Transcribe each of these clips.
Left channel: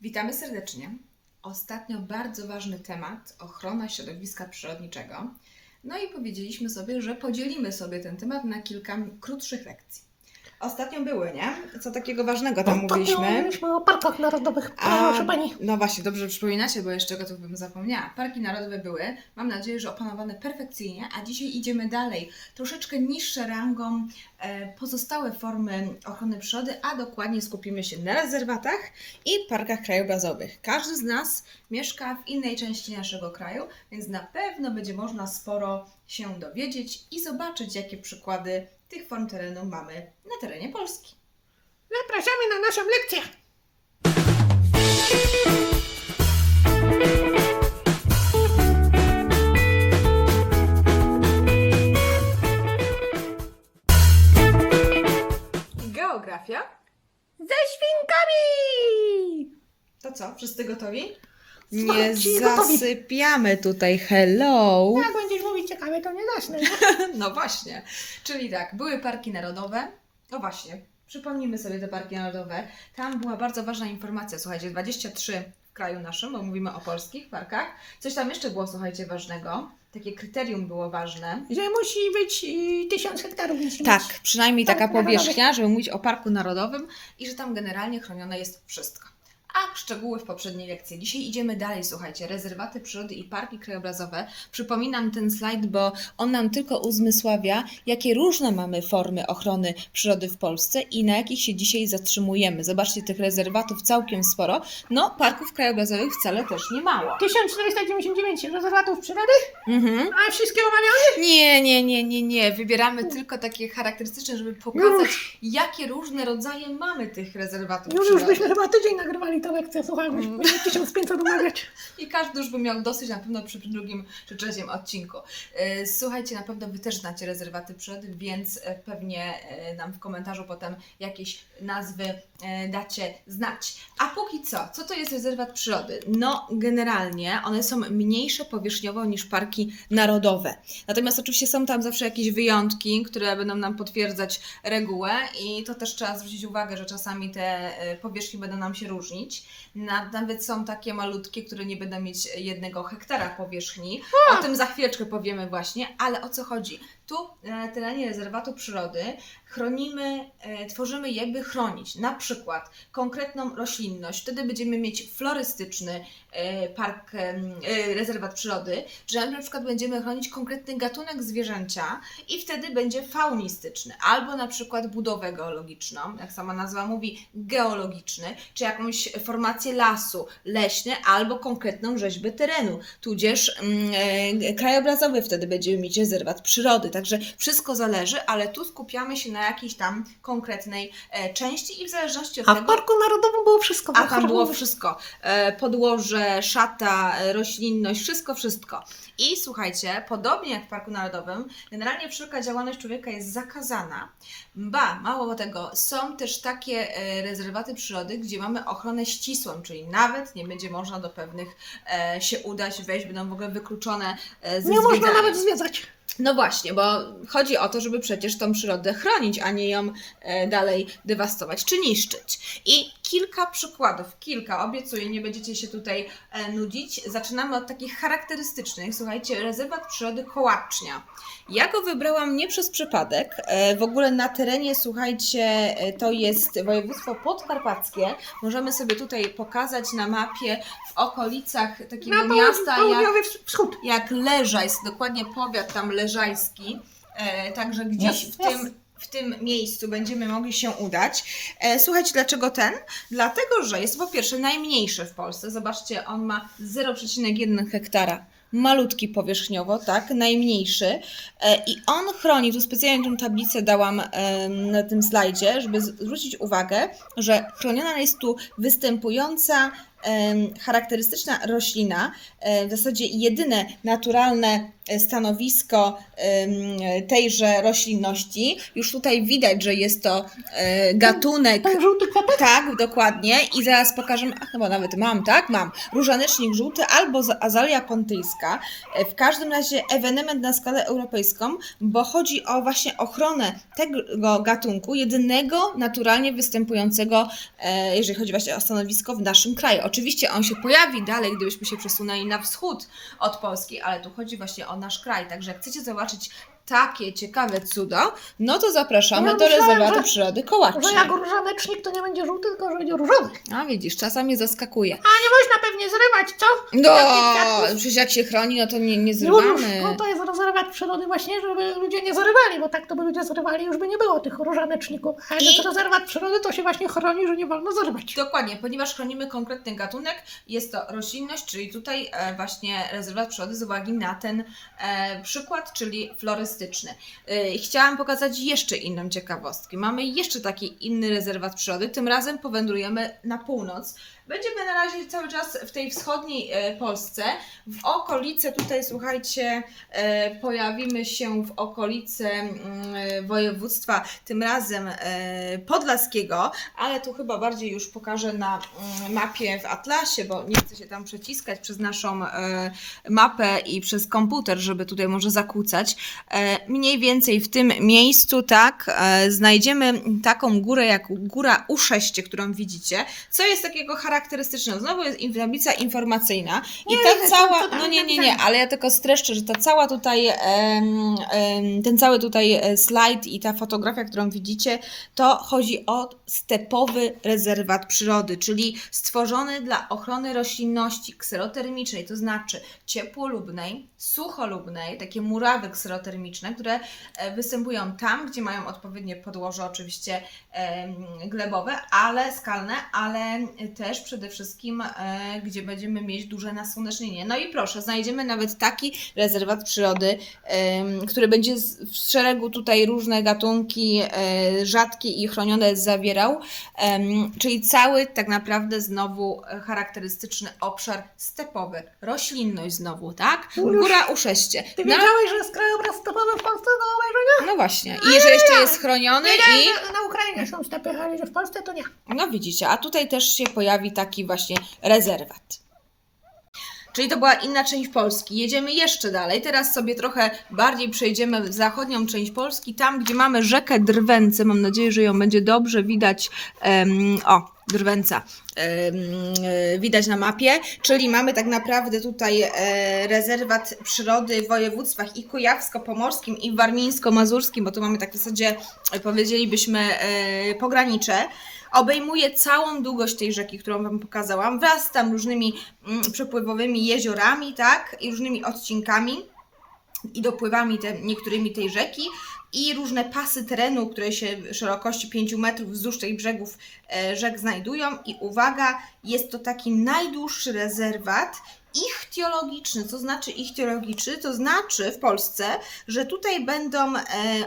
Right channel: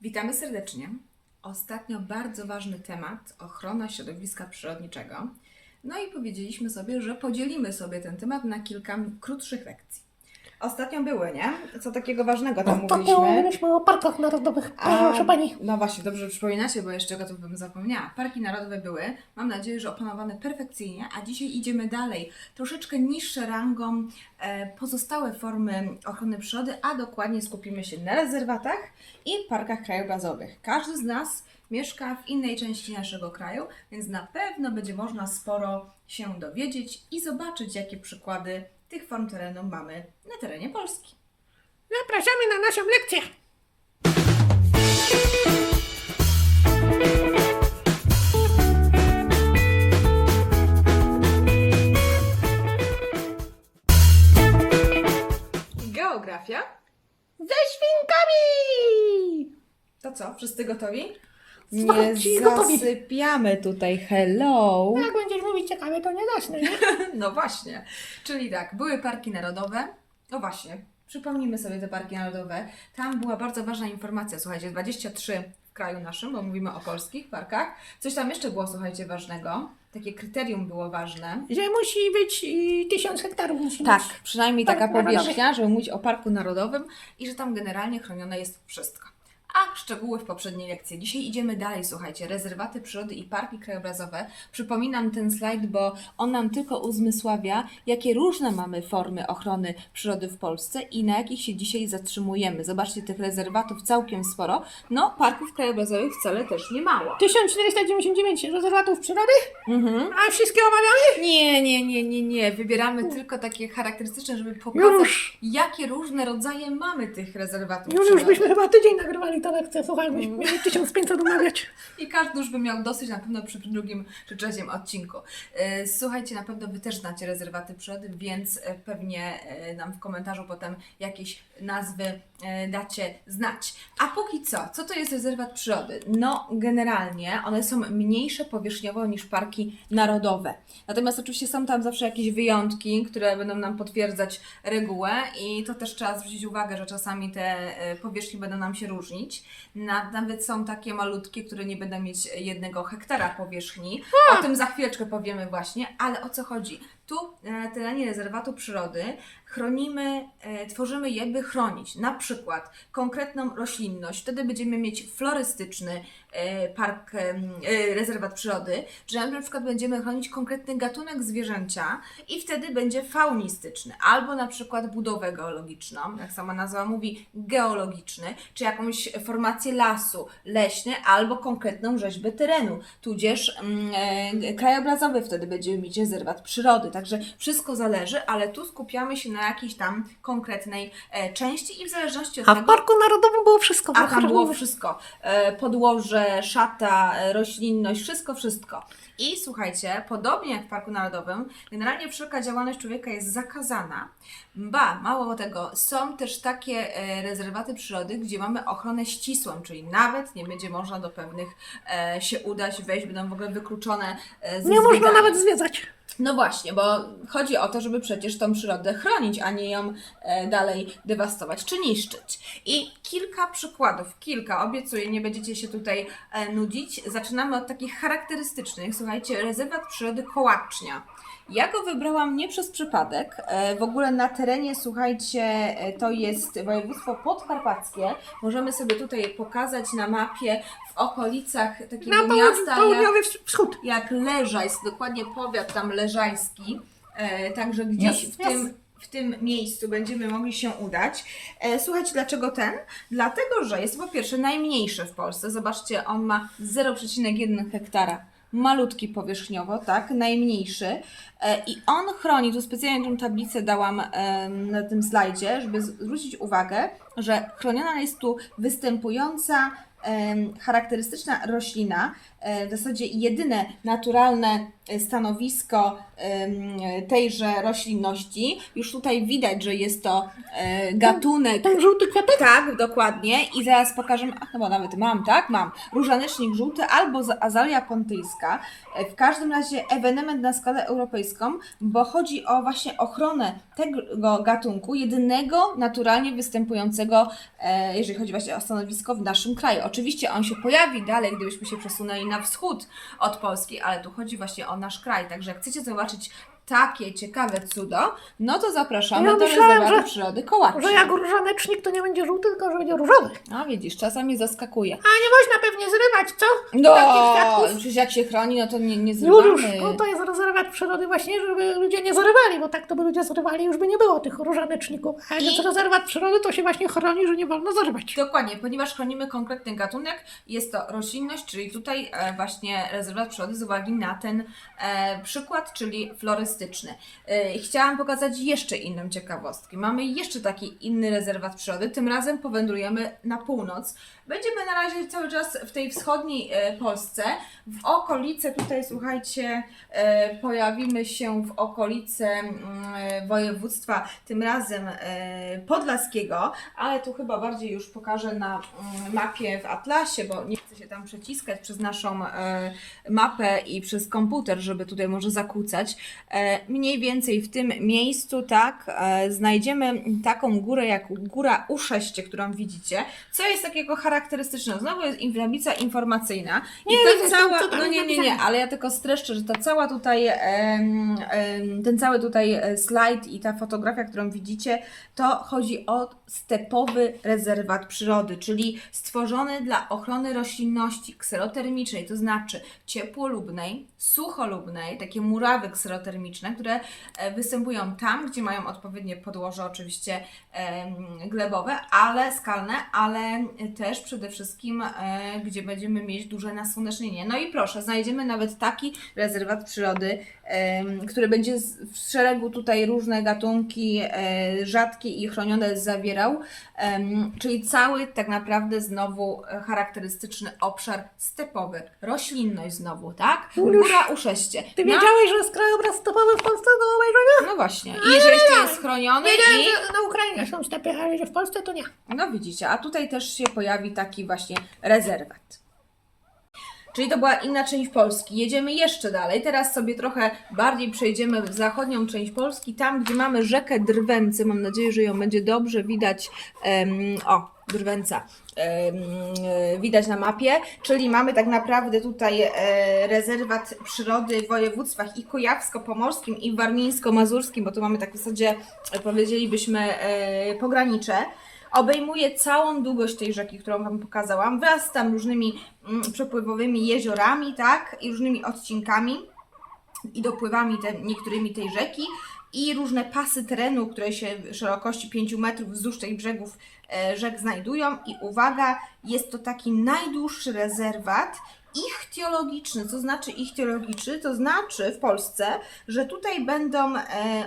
Witamy serdecznie. Ostatnio bardzo ważny temat ochrona środowiska przyrodniczego. No i powiedzieliśmy sobie, że podzielimy sobie ten temat na kilka krótszych lekcji. Ostatnio były, nie? Co takiego ważnego tam Ostatnio mówiliśmy? mówiliśmy o parkach narodowych. A, Proszę pani. No właśnie, dobrze przypominacie, bo jeszcze go to bym zapomniała. Parki narodowe były, mam nadzieję, że opanowane perfekcyjnie, a dzisiaj idziemy dalej. Troszeczkę niższe rangą e, pozostałe formy ochrony przyrody, a dokładnie skupimy się na rezerwatach i parkach krajobrazowych. Każdy z nas mieszka w innej części naszego kraju, więc na pewno będzie można sporo się dowiedzieć i zobaczyć, jakie przykłady tych form terenu mamy na terenie Polski. Zapraszamy na naszą lekcję. Geografia Ze świnkami! To co, wszyscy gotowi? Gotowi. zasypiamy tutaj. Hello! Jak będziesz mówić ciekawie, to nie zacznę, nie? No właśnie. Czyli tak, były parki narodowe. No właśnie, przypomnijmy sobie te parki narodowe. Tam była bardzo ważna informacja, słuchajcie, 23 w kraju naszym, bo mówimy o polskich parkach. Coś tam jeszcze było, słuchajcie, ważnego. Takie kryterium było ważne. Że musi być y, tysiąc hektarów. Musi Tak, Mieć. przynajmniej Park taka powierzchnia, żeby mówić o parku narodowym i że tam generalnie chronione jest wszystko. A szczegóły w poprzedniej lekcji. Dzisiaj idziemy dalej, słuchajcie. Rezerwaty przyrody i parki krajobrazowe. Przypominam ten slajd, bo on nam tylko uzmysławia, jakie różne mamy formy ochrony przyrody w Polsce i na jakich się dzisiaj zatrzymujemy. Zobaczcie, tych rezerwatów całkiem sporo. No, parków krajobrazowych wcale też nie mało. 1499 rezerwatów przyrody, Mhm. a wszystkie omawiamy? Nie, nie, nie, nie, nie. Wybieramy tylko takie charakterystyczne, żeby pokazać, jakie różne rodzaje mamy tych rezerwatów Już, już przyrody. byśmy chyba tydzień nagrywali tę lekcję, słuchaj, byśmy mieli 1500 omawiać. I każdy już by miał dosyć na pewno przy drugim czy trzecim odcinku. E, Słuchajcie, na pewno Wy też znacie rezerwaty przyrody, więc e, pewnie e, nam w komentarzu potem jakieś nazwy e, dacie znać. A póki co, co to jest rezerwat przyrody? No, generalnie one są mniejsze powierzchniowo niż parki narodowe. Natomiast oczywiście są tam zawsze jakieś wyjątki, które będą nam potwierdzać regułę i to też trzeba zwrócić uwagę, że czasami te e, powierzchnie będą nam się różnić. Na, nawet są takie malutkie, które nie będą mieć jednego hektara powierzchni. O tym za chwileczkę powiemy właśnie, ale o co chodzi? Tu e, terenie rezerwatu przyrody chronimy, e, tworzymy je, by chronić. Na przykład konkretną roślinność. Wtedy będziemy mieć florystyczny e, park, e, rezerwat przyrody, że na przykład będziemy chronić konkretny gatunek zwierzęcia i wtedy będzie faunistyczny, albo na przykład budowę geologiczną, jak sama nazwa mówi, geologiczny, czy jakąś formację lasu, leśny, albo konkretną rzeźbę terenu, tudzież krajobrazowy wtedy będziemy mieć rezerwat przyrody, także wszystko zależy, ale tu skupiamy się na jakiejś tam konkretnej e, części i w zależności od A w tego... parku narodowym było wszystko. A tam było Wszystko. E, Podłoże, szata, e, roślinność, wszystko, wszystko. I słuchajcie, podobnie jak w Parku Narodowym, generalnie wszelka działalność człowieka jest zakazana. Ba, mało tego, są też takie rezerwaty przyrody, gdzie mamy ochronę ścisłą, czyli nawet nie będzie można do pewnych się udać, wejść, będą w ogóle wykluczone ze Nie można zwiedzania. nawet zwiedzać. No właśnie, bo chodzi o to, żeby przecież tą przyrodę chronić, a nie ją e, dalej dewastować czy niszczyć. I kilka przykładów, kilka, obiecuję, nie będziecie się tutaj e, nudzić. Zaczynamy od takich charakterystycznych. Słuchajcie, rezerwat przyrody Kołacznia. Ja go wybrałam nie przez przypadek. E, w ogóle na terenie, słuchajcie, e, to jest województwo podkarpackie. Możemy sobie tutaj pokazać na mapie w okolicach takiego Na miasta jak wschód. jak Leżajsk, dokładnie powiat tam leżajski, e, także gdzieś Jest, w tym, w tym miejscu będziemy mogli się udać. Słuchajcie, dlaczego ten? Dlatego, że jest po pierwsze najmniejszy w Polsce. Zobaczcie, on ma 0,1 hektara. Malutki powierzchniowo, tak, najmniejszy. E, I on chroni, tu specjalnie tę tablicę dałam na tym slajdzie, żeby zwrócić uwagę, że chroniona jest tu występująca charakterystyczna roślina, w zasadzie jedyne naturalne e, stanowisko tejże roślinności. Już tutaj widać, że jest to e, gatunek. Ten żółty kwiatek? Tak, dokładnie. I zaraz pokażę, a chyba nawet mam, tak? Mam. Różanecznik żółty albo azalia pontyjska. E, W każdym razie ewenement na skalę europejską, bo chodzi o właśnie ochronę tego gatunku, jedynego naturalnie występującego, jeżeli chodzi właśnie o stanowisko w naszym kraju. Oczywiście on się pojawi dalej, gdybyśmy się przesunęli na wschód od Polski, ale tu chodzi właśnie o nasz kraj. Także jak chcecie zobaczyć takie ciekawe cuda, no to zapraszamy Ja do myślałem, rezerwatu że- przyrody Kołaczy. Że jak różanecznik to nie będzie żółty, tylko że będzie różowy. A widzisz, czasami zaskakuje. A nie można pewnie zrywać, co? No, Takich kwiatków? przecież jak się chroni, no to nie, nie Juliusz, zrywamy. no to jest rezerwat przyrody właśnie, żeby ludzie nie zrywali, bo tak to by ludzie zrywali, już by nie było tych różaneczników. A I- jest rezerwat przyrody, to się właśnie chroni, że nie wolno zrywać. Dokładnie, ponieważ chronimy konkretny gatunek, jest to roślinność, czyli tutaj e, właśnie rezerwat przyrody z uwagi na ten e, przykład, czyli florystyczny. E, chciałam pokazać jeszcze inną ciekawostkę. Mamy jeszcze taki inny rezerwat przyrody, tym razem powędrujemy na północ. Będziemy na razie cały czas w tej wschodniej e, Polsce. W okolice tutaj, słuchajcie, e, pojawimy się w okolice mm, e, województwa, tym razem podlaskiego, ale tu chyba bardziej już pokażę na mm, mapie w Atlasie, bo nie chcę się tam przeciskać przez naszą mapę i przez komputer, żeby tutaj może zakłócać. Mniej więcej w tym miejscu, tak, znajdziemy taką górę jak góra U6, którą widzicie. Co jest takiego charakterystycznego? Znowu jest in- tablica informacyjna i Nie, ta to- cała, to tam no nie, nie, nie, napisane. ale ja tylko streszczę, że ta cała tutaj, em, em, ten cały tutaj e, slajd i ta fotografia, którą widzicie, to chodzi o stepowy rezerwat przyrody, czyli stworzony dla ochrony roślinności kserotermicznej, to znaczy ciepłolubnej, sucholubnej, takie murawy kserotermiczne, które e, występują tam, gdzie mają odpowiednie podłoże, oczywiście em, glebowe, ale skalne, ale też przede wszystkim, e, gdzie będziemy mieć duże nasłonecznienie. No i proszę, znajdziemy nawet taki rezerwat przyrody, em, który będzie z, w szeregu tutaj różne gatunki e, rzadkie i chronione zawierał, em, czyli cały tak naprawdę znowu e, charakterystyczny obszar stepowy, roślinność znowu, tak? Juliusz, Góra uszeście. Ty No, wiedziałeś, że jest krajobraz stepowy w Polsce do obejrzenia? no właśnie. I że jeszcze jest chroniony Wiedziałem, i... na Ukrainie są stepy, ale że w Polsce to nie. No widzicie, a tutaj też się pojawi taki właśnie rezerwat. Czyli to była inna część Polski. Jedziemy jeszcze dalej. Teraz sobie trochę bardziej przejdziemy w zachodnią część Polski, tam gdzie mamy rzekę Drwęce. Mam nadzieję, że ją będzie dobrze widać. em, o, Drwęca. e, widać na mapie, czyli mamy tak naprawdę tutaj e, rezerwat przyrody w województwach i kujawsko-pomorskim i warmińsko-mazurskim, bo tu mamy tak w zasadzie, e, powiedzielibyśmy, pogranicze obejmuje całą długość tej rzeki, którą Wam pokazałam, wraz z tam różnymi mm, przepływowymi jeziorami, tak, i różnymi odcinkami i dopływami te, niektórymi tej rzeki i różne pasy terenu, które się w szerokości 5 metrów wzdłuż tych brzegów e, rzek znajdują. I uwaga, jest to taki najdłuższy rezerwat ichtiologiczny. Co znaczy ichtiologiczny? To znaczy w Polsce, że tutaj będą e,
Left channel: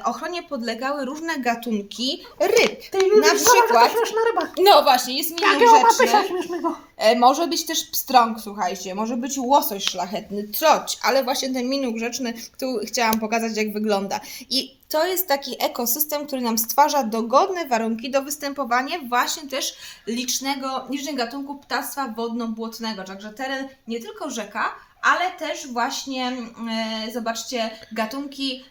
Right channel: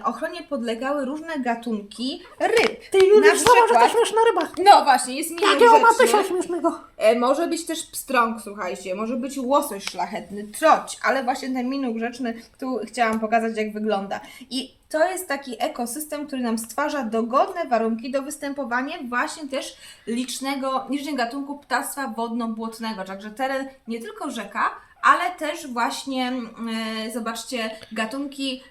ochronie podlegały różne gatunki ryb. Ty Na że przykład- to śmieszna ryba. No właśnie, jest milion Jakiego ma rzeczy. pysia śmiesznego? E, Może być też pstrąg, słuchajcie, może być łosoś szlachetny, troć, ale właśnie ten minuk rzeczny, tu chciałam pokazać, jak wygląda. I to jest taki ekosystem, który nam stwarza dogodne warunki do występowania właśnie też licznego, licznych gatunków ptactwa wodno-błotnego. Także teren nie tylko rzeka, ale też właśnie, e, zobaczcie, gatunki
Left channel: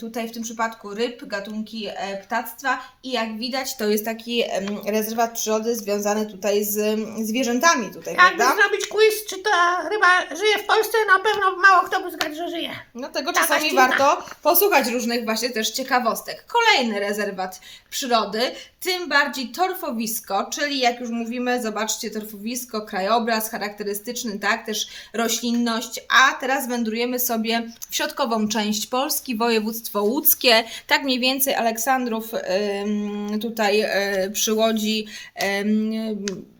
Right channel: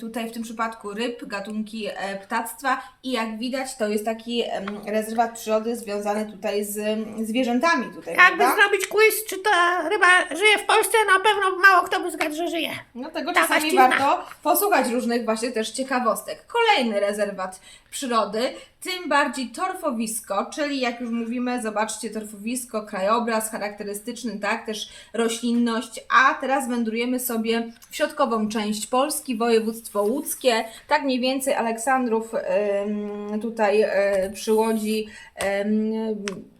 tutaj w tym przypadku ryb, gatunki e, ptactwa i jak widać to jest taki rezerwat przyrody związany tutaj z zwierzętami tutaj, Jakby prawda? zrobić quiz, czy ta ryba żyje w Polsce, na pewno mało kto by zgadł, że żyje. No tego Taka czasami warto posłuchać różnych właśnie też ciekawostek. Kolejny rezerwat przyrody, tym bardziej torfowisko, czyli jak już mówimy, zobaczcie torfowisko, krajobraz charakterystyczny, tak, też roślinność, a teraz wędrujemy sobie w środkową część Polski, województwo łódzkie, tak mniej więcej Aleksandrów tutaj y, przy Łodzi,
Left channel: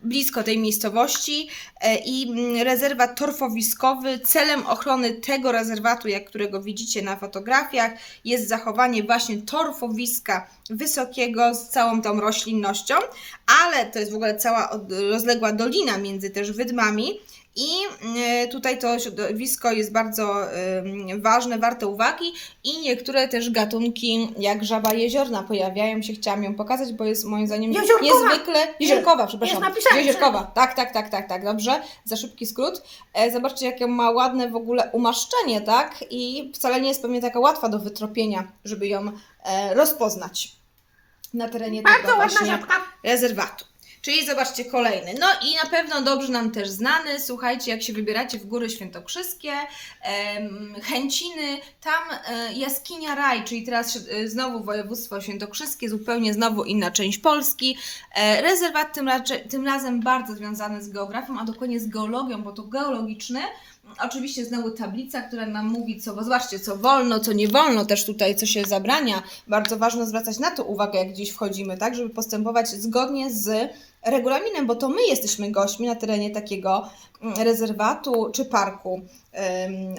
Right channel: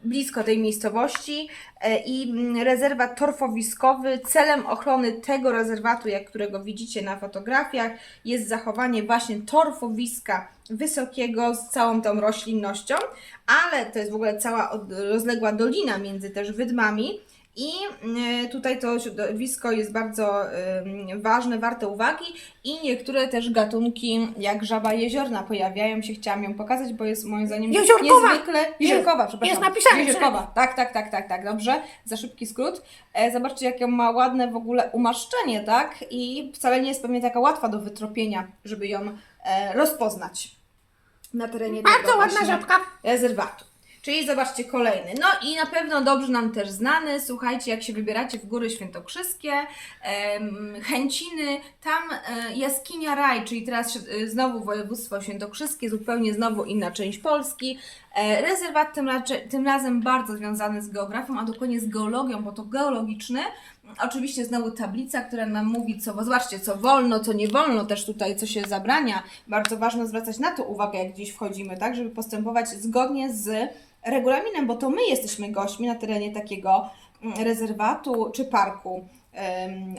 blisko tej miejscowości e, i rezerwat torfowiskowy. Celem ochrony tego rezerwatu, jak którego widzicie na fotografiach, jest zachowanie właśnie torfowiska wysokiego z całą tą roślinnością, ale to jest w ogóle cała rozległa dolina między też wydmami. I e, tutaj to środowisko jest bardzo em, ważne, warte uwagi i niektóre też gatunki jak żaba jeziorna pojawiają się. Chciałam ją pokazać, bo jest moim zdaniem Jeziorkowa. niezwykle... Jeziorkowa, przepraszam. jest napisane Jeziorkowa, tak, tak, tak, tak, tak, dobrze. Za szybki skrót. E, zobaczcie, jakie ma ładne w ogóle umaszczenie, tak? I wcale nie jest pewnie taka łatwa do wytropienia, żeby ją e, rozpoznać na terenie Bardzo ładna żabka. rezerwatu. Czyli zobaczcie kolejny. No i na pewno dobrze nam też znany. Słuchajcie, jak się wybieracie w góry świętokrzyskie, Chęciny, tam e, jaskinia Raj, czyli teraz e, znowu województwo świętokrzyskie, zupełnie znowu inna część Polski. E, rezerwat tym, tym razem bardzo związany z geografią, a dokładnie z geologią, bo to geologiczny. Oczywiście znowu tablica, która nam mówi, co, zobaczcie, co wolno, co nie wolno, też tutaj, co się zabrania. Bardzo ważne zwracać na to uwagę, jak gdzieś wchodzimy, tak, żeby postępować zgodnie z regulaminem, bo to my jesteśmy gośćmi na terenie takiego mm, rezerwatu czy parku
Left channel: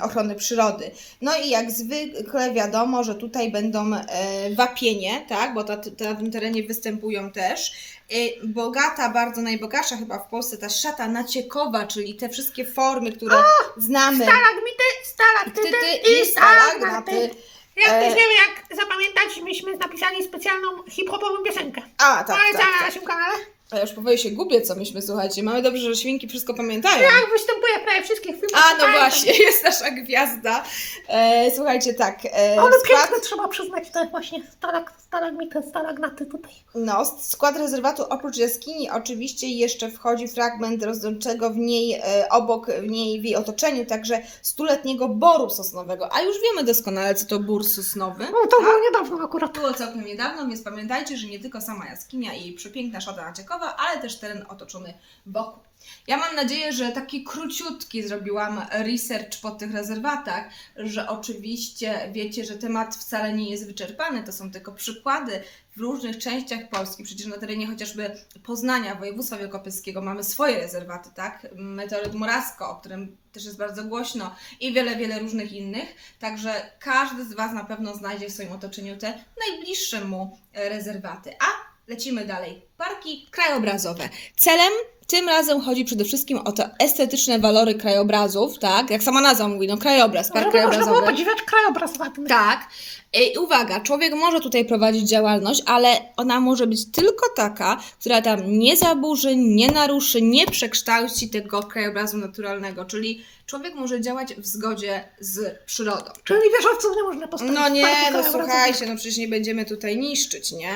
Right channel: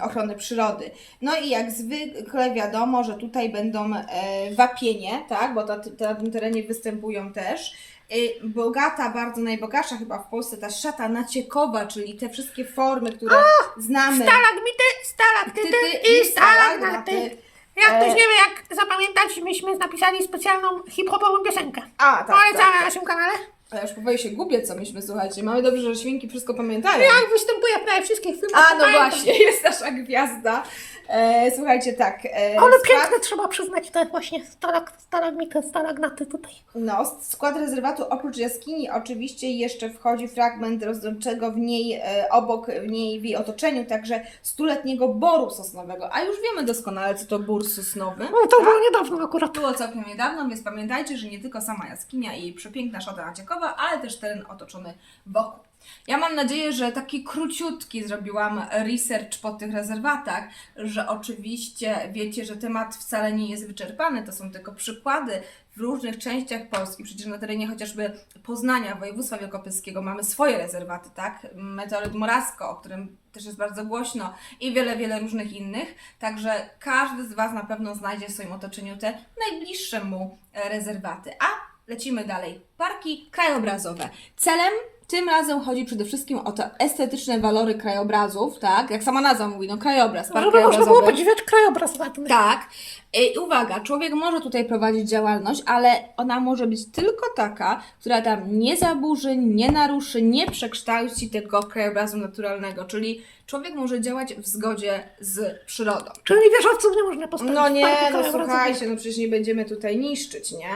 ochrony przyrody. No i jak zwykle wiadomo, że tutaj będą e, wapienie, tak, bo na tym terenie występują też. E, Bogata, bardzo najbogatsza chyba w Polsce ta szata naciekowa, czyli te wszystkie formy, które znamy. Stalagmity, stalaktyty Tyty i stalagnaty. Jak ktoś E. nie wie, jak zapamiętać, myśmy napisali specjalną hip-hopową piosenkę. A, tak, Ale tak, na tak. naszym kanale. A ja już powoli się gubię, co myśmy, słuchajcie. Mamy dobrze, że świnki wszystko pamiętają. Jak występuje w prawie wszystkich filmach. A, no pamiętam. właśnie, jest nasza gwiazda. E, słuchajcie, tak. E, Ale skład- piękne trzeba przyznać te właśnie stalag, stalagmity, stalagnaty tutaj. No, skład rezerwatu oprócz jaskini oczywiście jeszcze wchodzi fragment rozdolczego w niej, e, obok w niej w jej otoczeniu, także stuletniego boru sosnowego. A już wiemy doskonale, co to bór sosnowy. No to było niedawno akurat. Było całkiem niedawno, więc pamiętajcie, że nie tylko sama jaskinia i przepiękna szata ale też teren otoczony wokół. Ja mam nadzieję, że taki króciutki zrobiłam research po tych rezerwatach, że oczywiście wiecie, że temat wcale nie jest wyczerpany, to są tylko przykłady w różnych częściach Polski. Przecież na terenie chociażby Poznania, województwa wielkopolskiego mamy swoje rezerwaty, tak? Meteoryt Morasko, o którym też jest bardzo głośno i wiele, wiele różnych innych. Także każdy z Was na pewno znajdzie w swoim otoczeniu te najbliższe mu rezerwaty. A lecimy dalej. Parki krajobrazowe. Celem tym razem chodzi przede wszystkim o te estetyczne walory krajobrazów, tak? Jak sama nazwa mówi, no krajobraz, park Żeby można było podziwiać krajobraz ładny. Tak. I uwaga, człowiek może tutaj prowadzić działalność, ale ona może być tylko taka, która tam nie zaburzy, nie naruszy, nie przekształci tego krajobrazu naturalnego. Czyli człowiek może działać w zgodzie z przyrodą. Czyli wieżowców nie można postawić No nie, no słuchajcie, no przecież nie będziemy tutaj niszczyć, nie?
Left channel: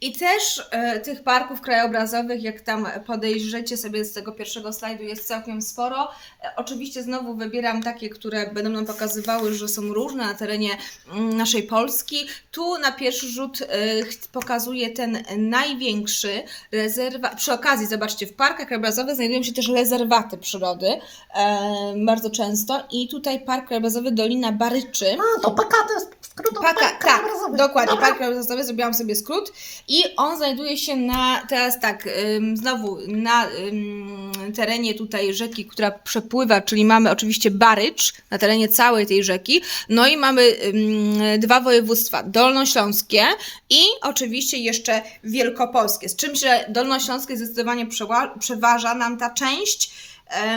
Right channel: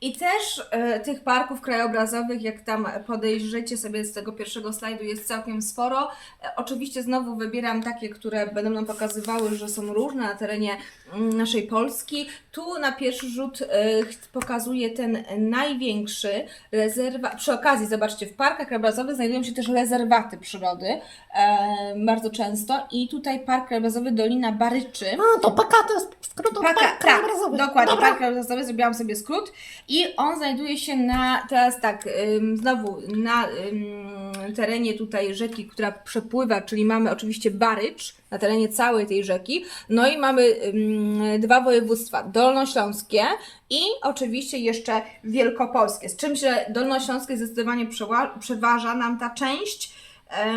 I też e, tych parków krajobrazowych, jak tam podejrzycie sobie z tego pierwszego slajdu, jest całkiem sporo. E, oczywiście znowu wybieram takie, które będą nam pokazywały, że są różne na terenie mm, naszej Polski. Tu na pierwszy rzut e, pokazuję ten największy rezerwat. Przy okazji, zobaczcie, w parkach krajobrazowych znajdują się też rezerwaty przyrody e, bardzo często i tutaj Park Krajobrazowy Dolina Baryczy. A, to PK to jest skrót od Paka, park tak, krajobrazowy. dokładnie, Dobra. park krajobrazowy, zrobiłam sobie skrót i on znajduje się na, teraz tak, ym, znowu na ym, terenie tutaj rzeki, która przepływa, czyli mamy oczywiście Barycz na terenie całej tej rzeki, no i mamy ym, dwa województwa, dolnośląskie i oczywiście jeszcze wielkopolskie, z czym, że dolnośląskie zdecydowanie przeważa nam ta część,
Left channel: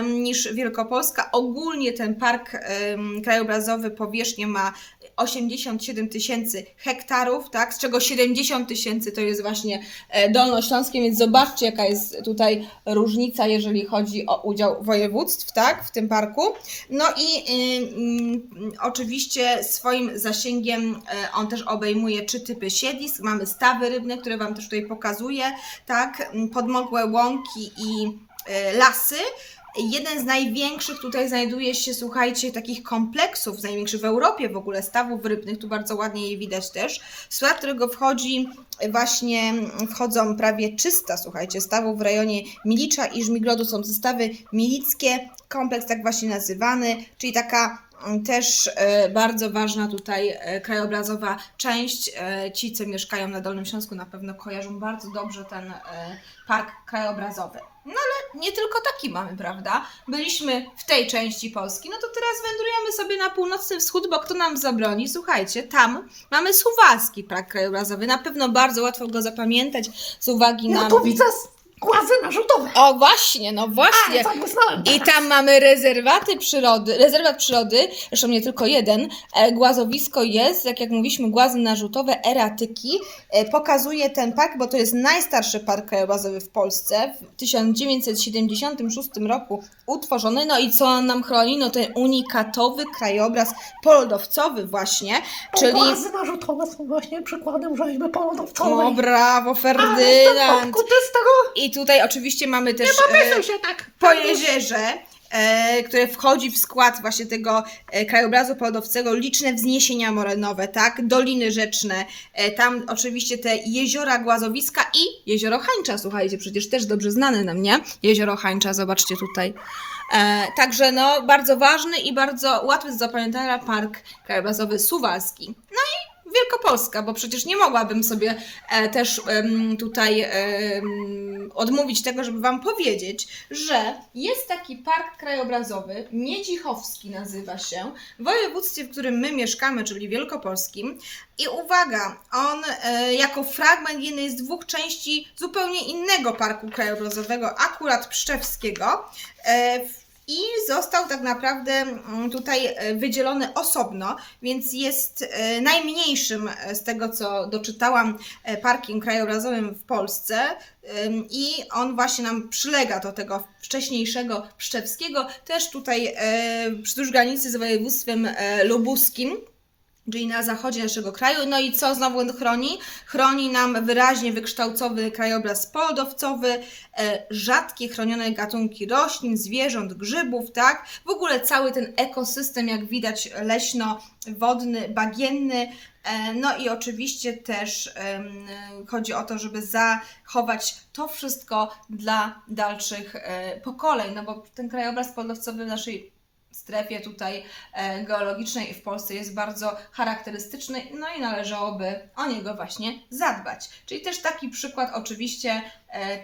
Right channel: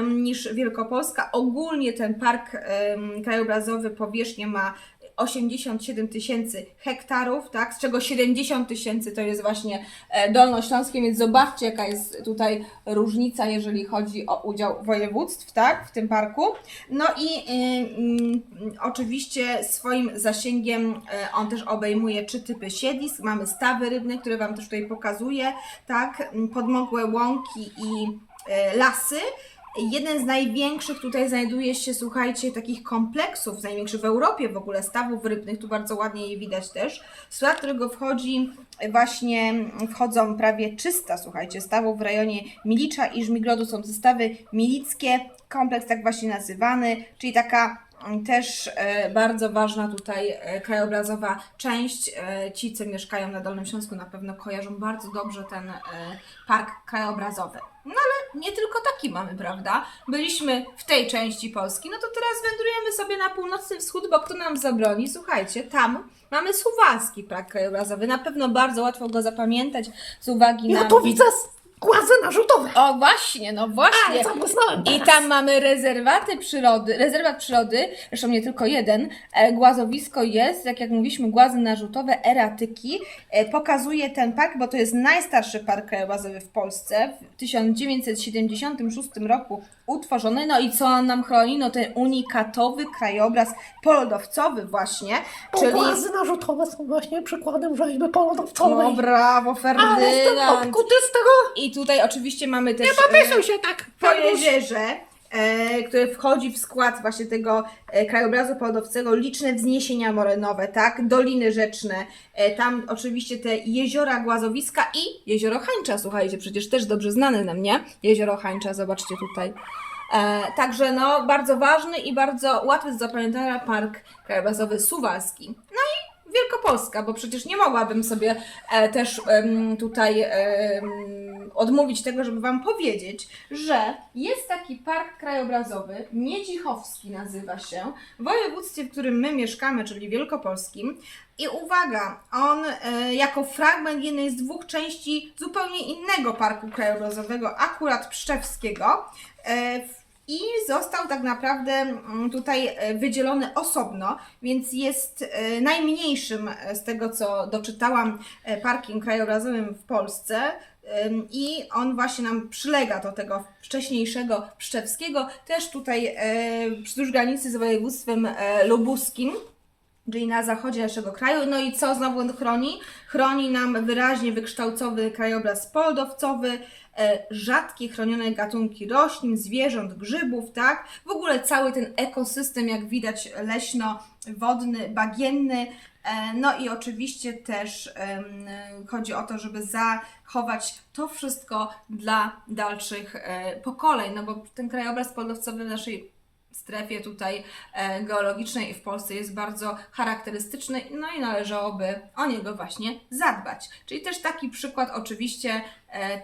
niż Wielkopolska. Ogólnie ten park krajobrazowy powierzchnię ma 87 tysięcy hektarów, tak, z czego 70 tysięcy to jest właśnie e, dolnośląskie, więc zobaczcie jaka jest tutaj różnica, jeżeli chodzi o udział województw, tak, w tym parku. No i ym, oczywiście swoim zasięgiem e, on też obejmuje trzy typy siedlisk. Mamy stawy rybne, które Wam też tutaj pokazuję, tak, podmokłe łąki i e, lasy. Jeden z największych tutaj znajduje się, słuchajcie, takich kompleksów, największy w Europie w ogóle, stawów rybnych, tu bardzo ładnie je widać też, w skład którego wchodzi właśnie, wchodzą prawie 300, słuchajcie, stawów w rejonie Milicza i Żmigrodu, są to stawy milickie, kompleks tak właśnie nazywany, czyli taka też e, bardzo ważna tutaj e, krajobrazowa część. E, ci, co mieszkają na Dolnym Śląsku na pewno kojarzą bardzo dobrze ten park krajobrazowy. No ale nie tylko taki mamy, prawda? Byliśmy w tej części Polski, no to teraz wędrujemy sobie na północny wschód, bo kto nam zabroni? Słuchajcie, tam mamy Suwalski Park Krajobrazowy. Na pewno bardzo łatwo go zapamiętać z uwagi na... Ja tu widzę głazy narzutowe. O właśnie, no Ale właśnie. zabłysnąłem I teraz. tam mamy rezerwaty przyrody, rezerwat przyrody, zresztą nie tylko jeden. E, Głazowisko jest, jak jak mówiliśmy, głazy narzutowe, eratyki. E, Pokazuje ten park, bo to jest najstarszy park krajobrazowy w Polsce. W 1976 roku utworzony. No i co on nam chroni? No ten unikatowy krajobraz polodowcowy właśnie, czyli... Narzutowe są właśnie przykładem rzeźby polodowcowej. O, brawo, Ale jestem Ferdynand! obkuty z tego. I tutaj oczywiście mamy też... Nie popisuj e, się tak. po jeziorze, które wchodzi w skład właśnie tego e, krajobrazu podowcego, liczne wzniesienia morenowe, tak, doliny rzeczne, e, tam oczywiście te jeziora Głazowiska i jezioro Hańcza, słuchajcie, przecież też dobrze znane nam, nie? Jezioro Hańcza, zobaczcie tutaj. E, także no, bardzo ważny i bardzo łatwy do zapamiętania park krajobrazowy Suwalski. No Wielkopolska, bo przecież nie mogłabym sobie e, też tutaj odmówić tego, żeby Wam powiedzieć, że jest taki park krajobrazowy, Miedzichowski nazywa się, w województwie, w którym my mieszkamy, czyli Wielkopolskim. I uwaga, on e, jako fragment jednej z dwóch części zupełnie innego parku krajobrazowego, akurat Pszczewskiego, e, w- i został tak naprawdę mm, tutaj e, wydzielony osobno, więc jest e, najmniejszym e, z tego, co doczytałam, parkiem krajobrazowym w Polsce. I on właśnie nam przylega do tego wcześniejszego Pszczewskiego, też tutaj wzdłuż granicy z województwem lubuskim czyli na zachodzie naszego kraju. No i co znowu on chroni? Chroni nam wyraźnie wykształcowy krajobraz poldowcowy, e, rzadkie chronione gatunki roślin, zwierząt, grzybów, tak? W ogóle cały ten ekosystem, jak widać, leśno-wodny, bagienny. E, no i oczywiście też chodzi o to, żeby zachować to wszystko dla dalszych e, pokoleń, no bo ten krajobraz poldowcowy w naszej strefie tutaj e, geologicznej w Polsce jest bardzo charakterystyczny, no i należałoby o niego właśnie zadbać. Czyli też taki przykład oczywiście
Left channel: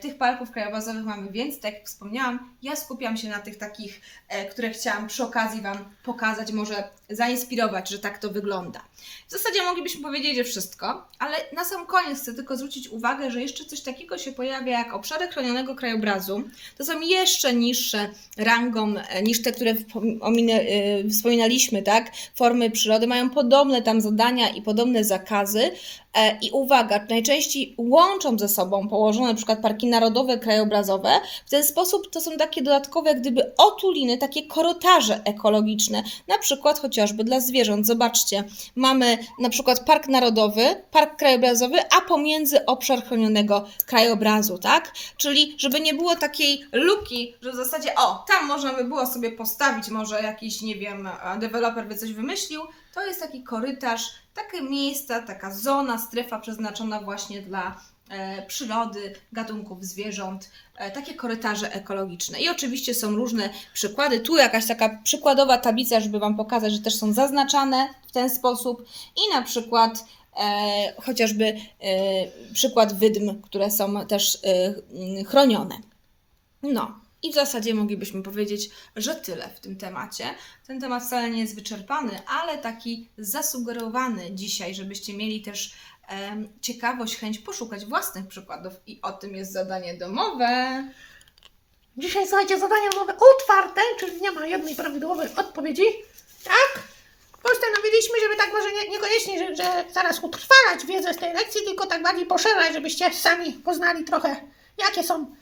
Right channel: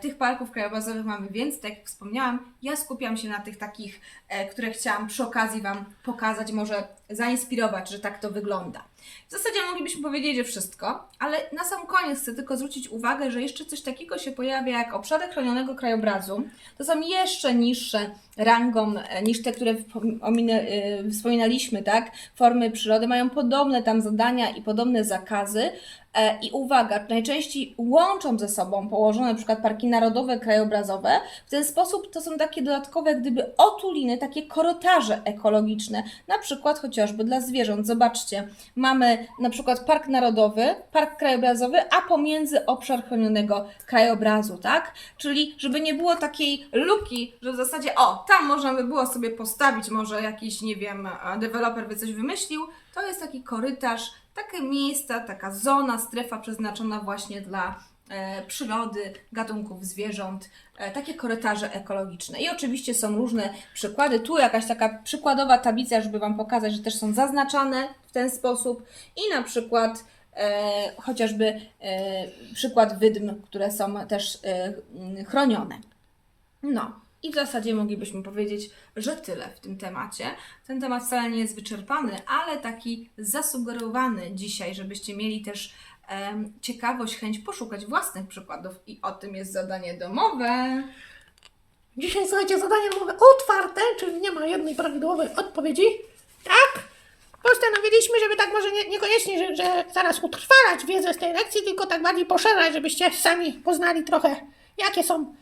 tych parków krajobrazowych mamy więcej, tak jak wspomniałam, ja skupiam się na tych takich, e, które chciałam przy okazji Wam pokazać, może zainspirować, że tak to wygląda. W zasadzie moglibyśmy powiedzieć, że wszystko, ale na sam koniec chcę tylko zwrócić uwagę, że jeszcze coś takiego się pojawia jak obszary chronionego krajobrazu. To są jeszcze niższe rangą e, niż te, które e, wspominaliśmy, tak? Formy przyrody mają podobne tam zadania i podobne zakazy. E, I uwaga, najczęściej łączą ze sobą położone przykład parki narodowe, krajobrazowe. W ten sposób to są takie dodatkowe, gdyby otuliny, takie korytarze ekologiczne, na przykład chociażby dla zwierząt. Zobaczcie, mamy na przykład park narodowy, park krajobrazowy, a pomiędzy obszar chronionego krajobrazu, tak? Czyli żeby nie było takiej luki, że w zasadzie o, tam można by było sobie postawić, może jakiś, nie wiem, e, deweloper by coś wymyślił, to jest taki korytarz, takie miejsca, taka zona, strefa przeznaczona właśnie dla e, przyrody, gatunków zwierząt, e, takie korytarze ekologiczne. I oczywiście są różne przykłady. Tu jakaś taka przykładowa tablica, żeby Wam pokazać, że też są zaznaczane w ten sposób. I na przykład e, chociażby e, przykład wydm, które są też e, chronione. No. I w zasadzie moglibyśmy powiedzieć, że tyle w tym temacie. Ten temat wcale nie jest wyczerpany, ale taki zasugerowany dzisiaj, żebyście mieli też em, ciekawość, chęć poszukać własnych przykładów. I o tym jest zadanie domowe. Dzisiaj słuchajcie, zadanie mamy otwarte, czyli nie ma jednej prawidłowej odpowiedzi. Tak? Postanowiliśmy, żeby tak może nie, niekoniecznie, że, że zaraz utrwalać wiedzę z tej lekcji, tylko tak bardziej poszerzać, żebyście sami poznali trochę, jakie są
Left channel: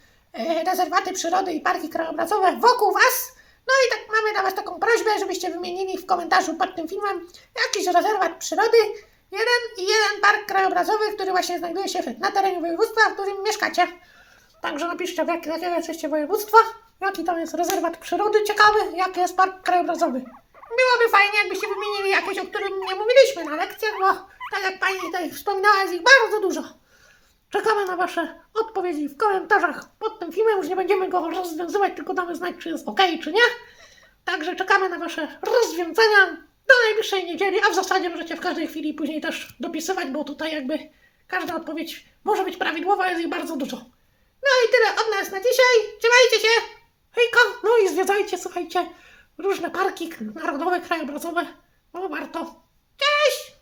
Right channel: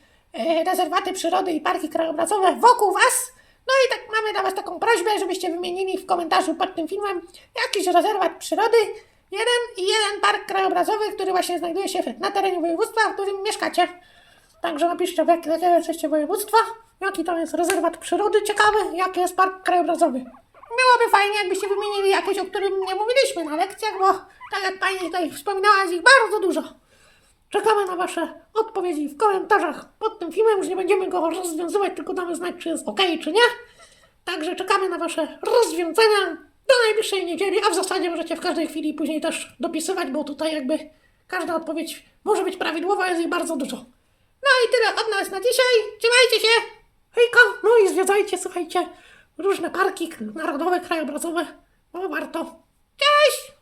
rezerwaty przyrody i parki krajobrazowe wokół Was. No i tak mamy dla Was taką prośbę, żebyście wymienili w komentarzu pod tym filmem jakiś rezerwat przyrody, jeden i jeden park krajobrazowy, który właśnie znajduje się na terenie województwa, w którym mieszkacie. Także napiszcie, w jak- jakiego jesteście województwa, jaki tam jest rezerwat przyrody ciekawy, jaki jest park krajobrazowy. Byłoby fajnie, jakbyście wymienili jakieś, o którym nie mówiliśmy na lekcjach, bo tak jak Pani tutaj wspominała, jest ich bardzo dużo. Czekamy na Wasze odpowiedzi w komentarzach pod tym filmem. Już nie będziemy go rozwiązywać, tylko damy znać, czy jest ok, czy nie. Także czekamy na Wasze rozwiązania do najbliższej niedzieli, a w zasadzie możecie w każdej chwili później też dopisywać, bo tutaj jakby każda odpowiedź może być prawidłowa, jest ich bardzo dużo. No i tyle od nas na dzisiaj. Trzymajcie się! Hejka! No i zwiedzajcie, słuchajcie, różne parki narodowe, krajobrazowe. No warto. Cześć!